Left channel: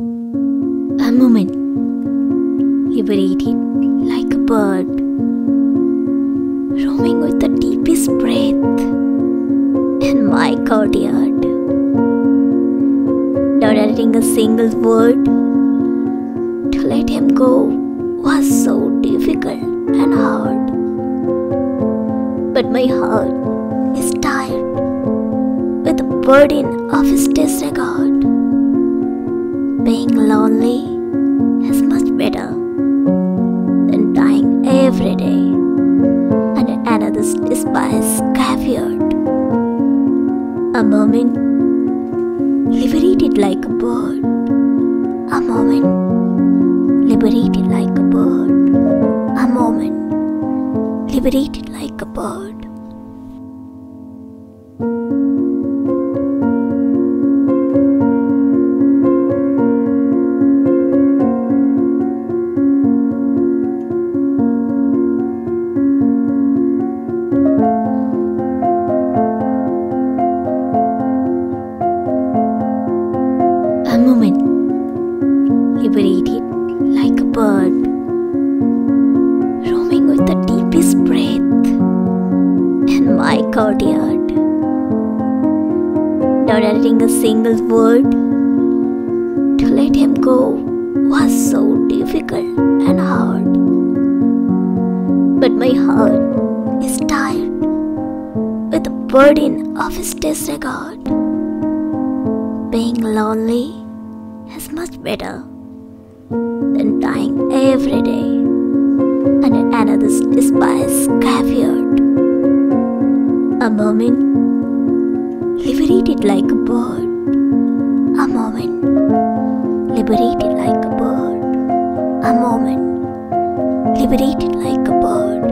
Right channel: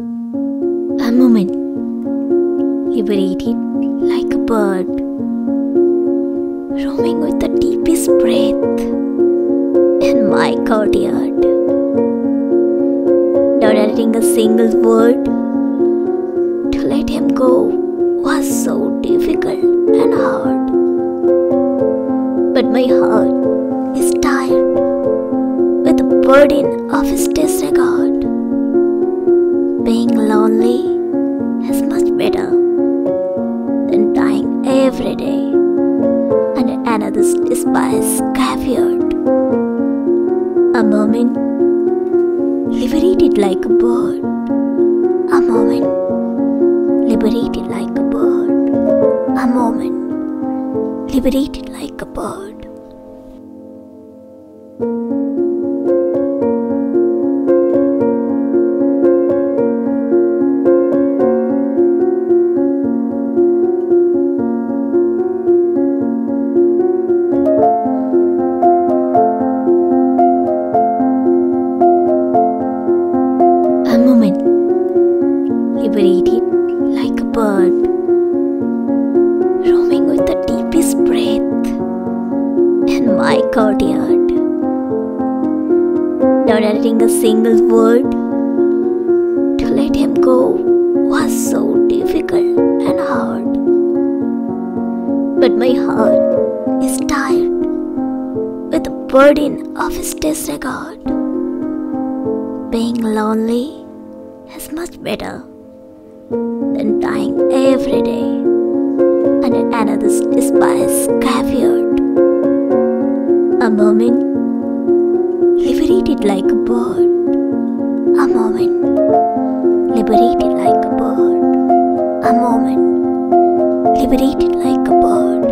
A moment, liberated like a bird, roaming with the deepest breath in my courtyard. Not adding a single word, to let him go was so difficult and hard. But my heart is tired with the burden of his disregard. Being lonely is much better than dying every day under another's despised caveat. A moment, liberated like a bird. A moment, liberated like a bird. A moment, liberated like a bird. A moment, liberated like a bird, roaming with the deepest breath in my courtyard. Not adding a single word, to let him go was so difficult and hard. But my heart is tired with the burden of his disregard. Being lonely is much better than dying every day under another's despised caveat. A moment, liberated like a bird. A moment, liberated like a bird. A moment, liberated like a bird.